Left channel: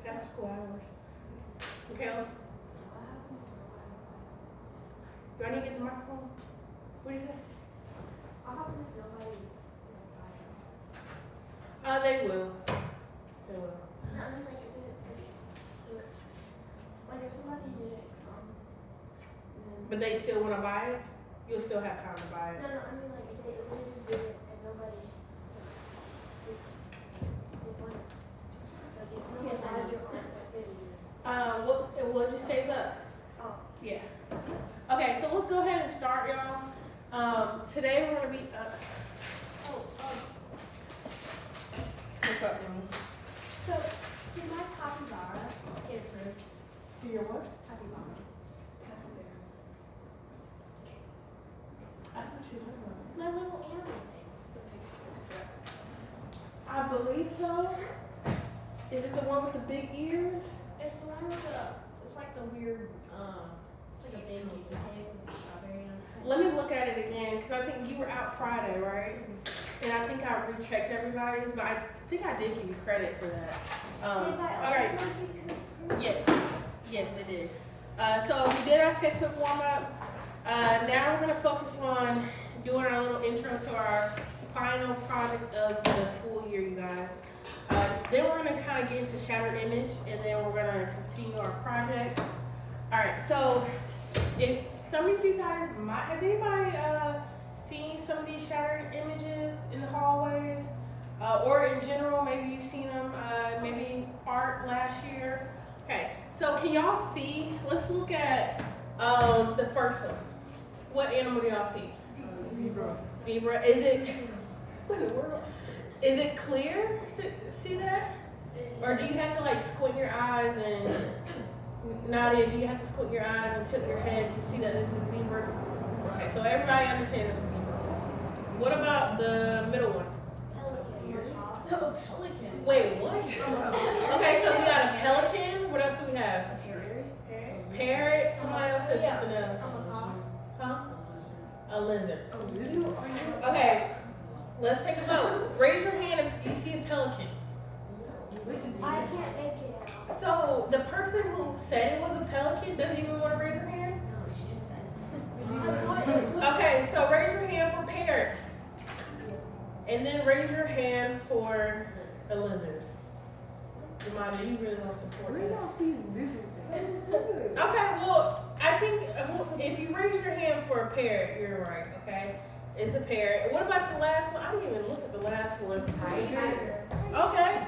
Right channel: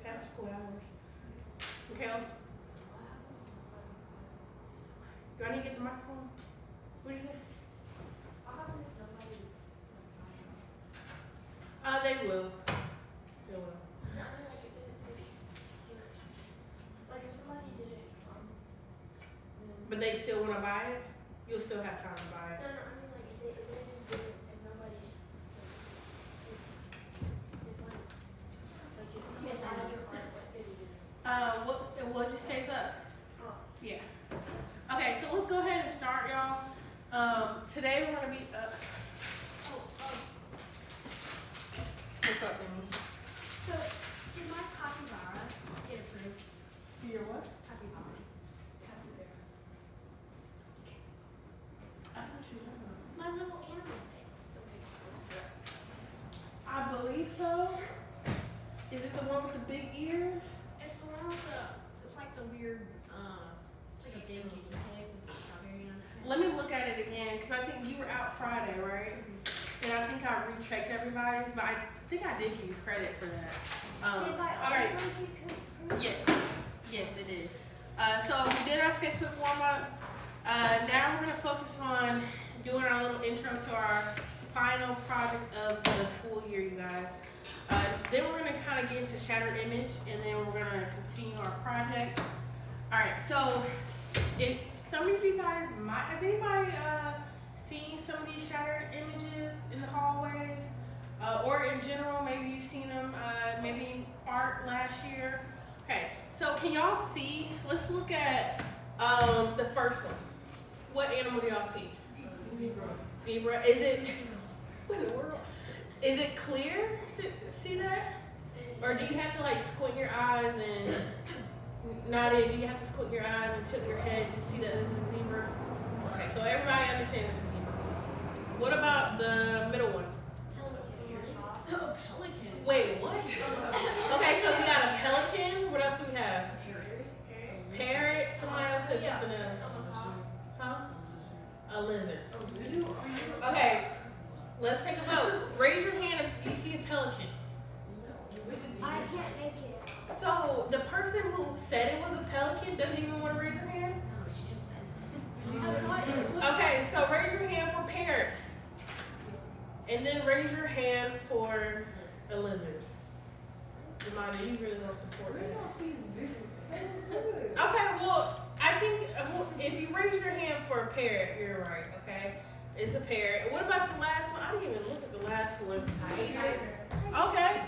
It's after school hours. Okay. Do I need to get the microphone? What do you say? They will. They will. Like if somebody did it, But they still want to buy it? You'll still have time to buy it. no, I mean like if they just did it and nobody. Well, it just stays up. Oh. Yeah. Okay, so let's go ahead and start, y'all. Today we're gonna be. What's up, Emily? So, did my capybara get approved? Do your what? Capybara. I thought you had one. My little animal I believe so. Is it the one with the big ears? It's the one with it's like the weird, it's like a big guinea pig with strawberry on it. Let me look at it again, because I think you were out Friday, right? And I think I rechecked everybody's, but I think I did give you credit for that. All right. Yes, it did. So we did our sketchbook warm up. Now we're gonna focus on doing our little intro to our final project of the school year, you guys. Then we're gonna kind of get into shattered image, and then we're gonna continue our project. All right. So, some of you guys has anybody seen some of these shattered images in the hallways, or in general? Maybe you've seen them, maybe in art last year. Okay. So can y'all see? Let's look at the first one. What animal do y'all see? Zebra. Zebra. Is it? What in the world? Is it clear? See that? Or do you have to like squint your eyes and Nadia? Do you have to squint your eyes and tilt your head to see that this is zebra? Okay, so everybody understands this is zebra. What about the middle one? Pelican. Wait, what? Okay, so we got a pelican. What else do we have? Parrot. Somebody else said something else. Huh? A lizard. Okay, let's take a vote. Raise your hand if you see a pelican. I can't make it out. So the person who said it was a pelican doesn't even want to raise her hand? No, she just said something. Okay, so raise your hand for parrot. And then raise your hand for a lizard. Jemima, you really don't support We that. don't see lizards. Okay, well, I think if you raise your hand for a parrot, you're right, okay? It's a parrot. What about the last one? I didn't even look at the last one. Tiger. Okay.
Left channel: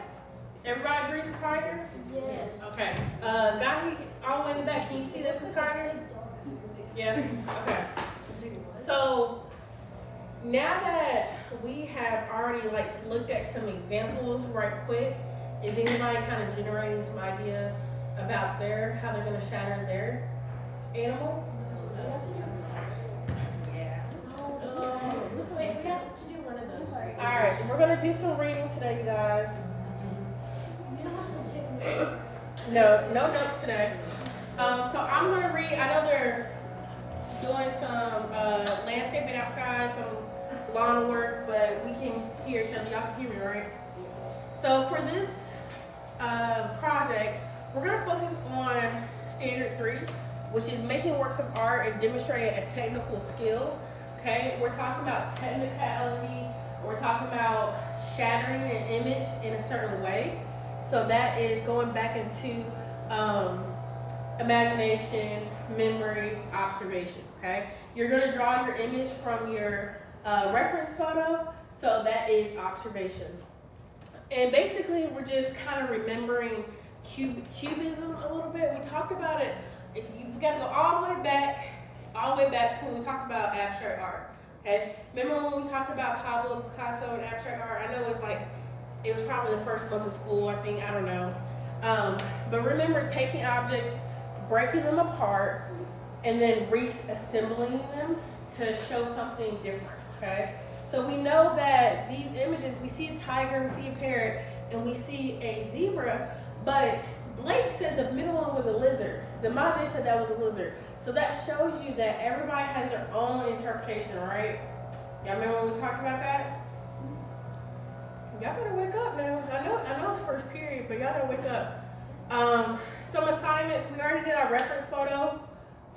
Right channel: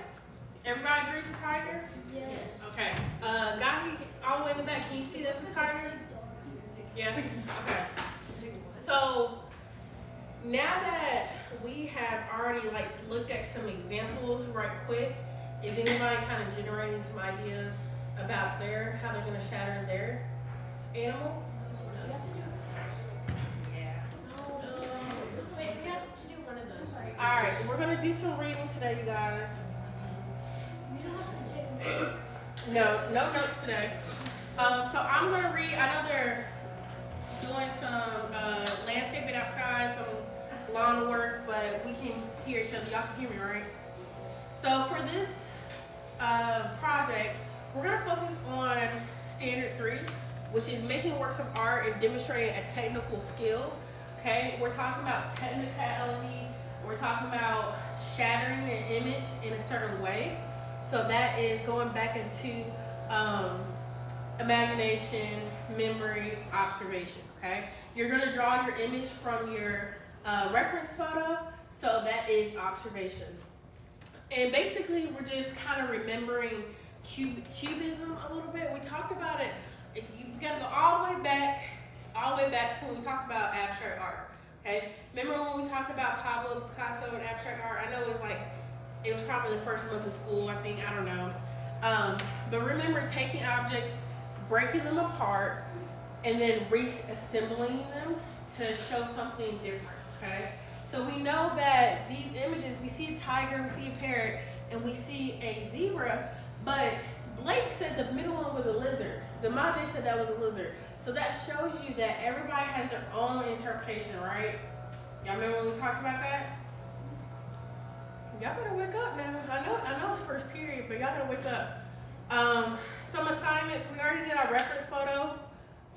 Everybody agrees it's a tiger? Yes. Okay. Guy all the way in the back, can you see that's a tiger? Yeah? Okay. So, now that we have already looked at some examples right quick, is anybody kind of generating some ideas about how they're gonna shatter their animal? Wait, we have to do one of those. Alright, we're gonna do some reading today, you guys. We don't have to take notes. No notes today. So I'm gonna read. I know they're doing some landscaping outside, some lawn work, but we can hear each other. Y'all can hear me, right? So for this project, we're gonna focus on standard 3, which is making works of art and demonstrating a technical skill. Okay, we're talking about technicality. We're talking about shattering an image in a certain way. So that is going back into imagination, memory, observation, okay? You're gonna draw your image from your reference photo, so that is observation. And basically, we're just kind of remembering cubism a little bit. We talked about it, we gotta go all the way back to when we talked about abstract art, okay? Remember when we talked about Pablo Picasso and abstract art? I know it was probably the first month of school, I think, I don't know. But remember taking objects, breaking them apart, and then reassembling them to show something different, okay? So we know that these images, we see a tiger, we see a parrot, and we see a zebra, but Blake said the middle one was a lizard. Zamaje said that was a lizard. So that shows you that everybody has their own interpretation, right? Y'all remember when we talked about that? Y'all better wake up now. I know it's first period, but y'all gotta wake up. Some assignments, we already did our reference photo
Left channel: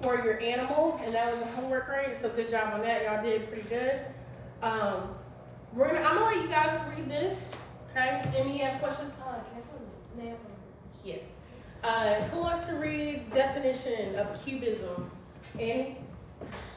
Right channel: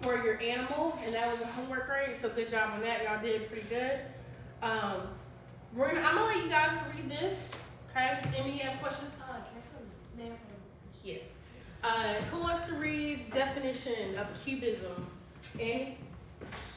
for your animal, and that was a homework grade, so good job on that. Y'all did pretty good. I'm gonna let you guys read this, okay? Amy, you have a question? May I have Yes. Who wants to read definition of cubism? Annie?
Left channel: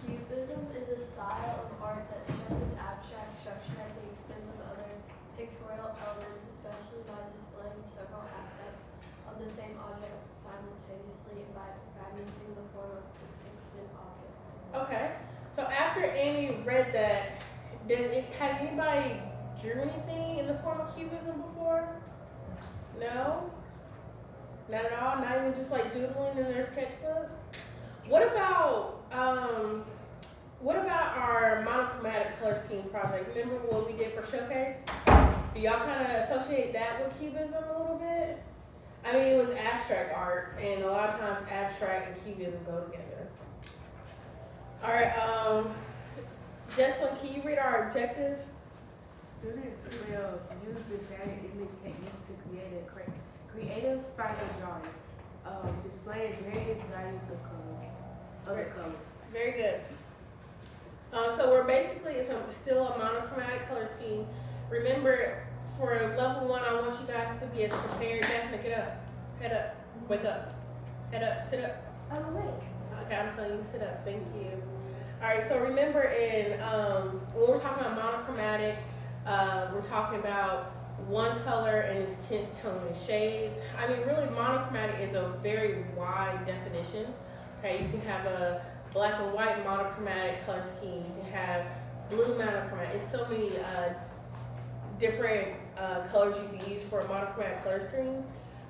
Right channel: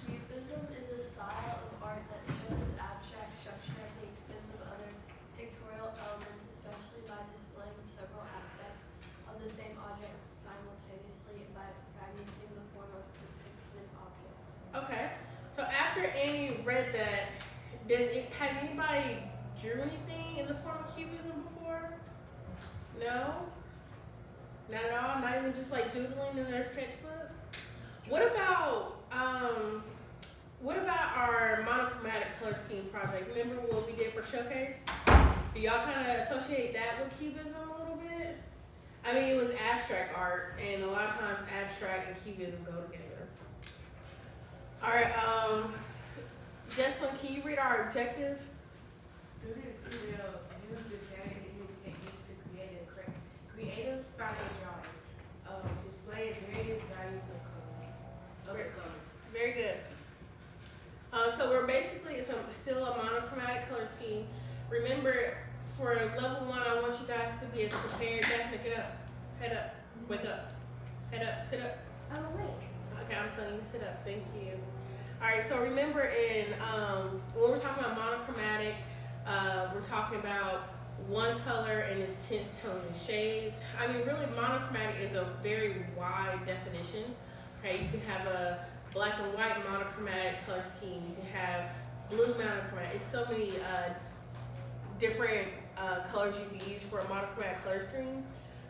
Cubism is a style of art that stresses abstract structure and mixed in with other pictorial elements, especially by displaying several aspects of the same object simultaneously and by fragmenting the form of depicted objects. Okay. So after Annie read that, has anybody drew anything in the form of cubism before? No? Not at all? Not even just like doodling in their sketchbook? What about our monochromatic color scheme project? Remember what we did for Showcase? Do y'all kind of associate that with cubism a little bit? I mean, it was abstract art, and a lot of times abstract and cubism go together. All right, Jesslyn, can you read our objective? Students will use the shaded image technique to create a creative final drawing, displaying various values of colors. Very good. So we're basically, it's still a monochromatic color scheme. Remember, for level 1, I want you guys to be as prepared. Daphne, get up. Head up. Wake up. Head up. Sit up. I'm awake. Okay, I'm telling you to sit up. Thank you. All right, so remember when we're talking about monochromatic, we're talking about one color and its tints, tone, and shades. I mean, really, monochromatic is a very wide definition. Okay, you can have a black and white monochromatic color scheme. You can have blue monochromatic. It's so many different colors you can use for a monochromatic color scheme.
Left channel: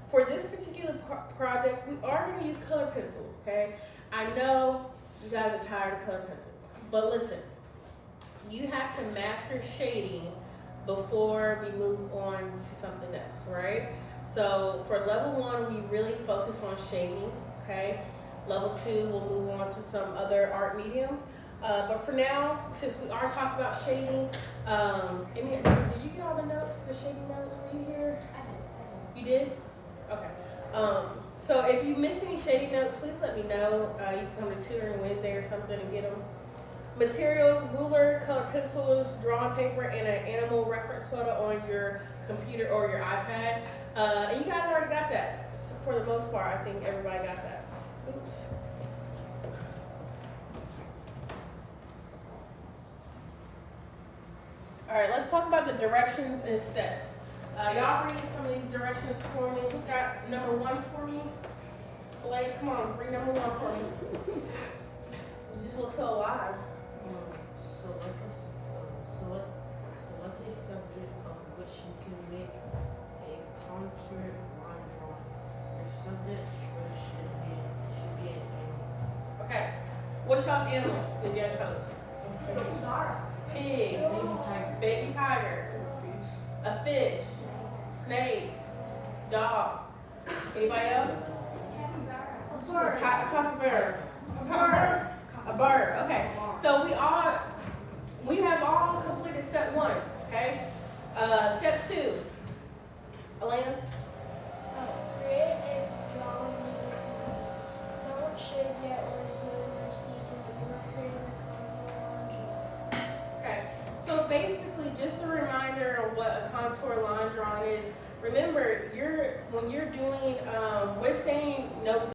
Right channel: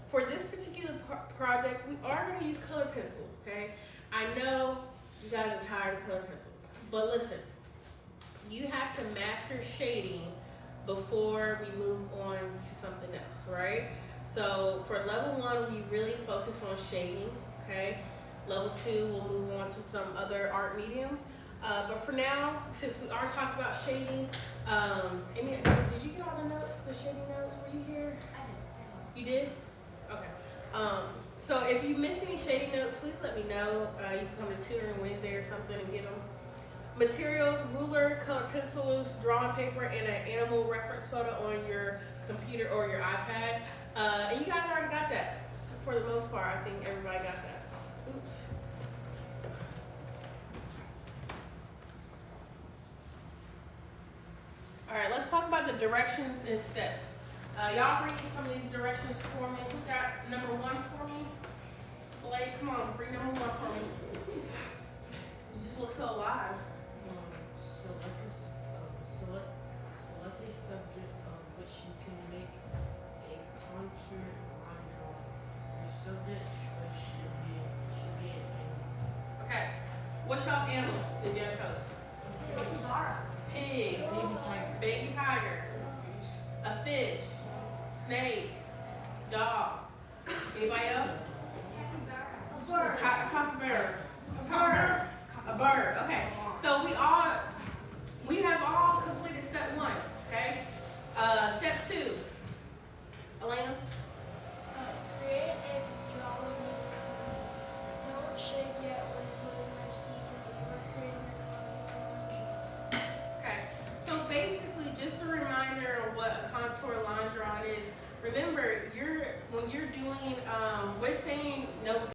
For this particular project, we are going to use color pencils, okay? I know you guys are tired of color pencils, but listen, you have to master shading before we move on to something else, right? So for level 1, we really focus on shading, okay? Level 2, we'll move on to some other art mediums. But for now, since we are talking about shading, Amy, did you get all the notes, the shading notes? Were you here? I did. You did? Okay. So if you miss any shading notes, please let me know. You can come to tutoring Wednesday or something and get them. Materials, ruler, colored pencils, drawing paper, and an animal reference photo on your computer or your iPad. And you guys already got that. So for the most part, I think everybody got that. Oops. All right, let's talk about the directions and steps. Y'all read some of these directions for me. Who got number 1 for me? Blake, come on, read number 1 for me. You just look so alive. Select a subject of which you can make a contour line drawing. Your subject choice should be an animal. Okay. What's y'all's animals that y'all chose? Zara. Pig, baby tiger, a fish, snake, dog. Anybody else? A bird. Capybara. A bird. Okay. So we have all completed step 1. Okay. Step 2. Elena. Create a drawing using a pencil. Don't shade yet or include much detail. You are creating a contour line drawing. Okay. So basically, just a reminder of what a contour line drawing is. Remember, when you're doing, what it's saying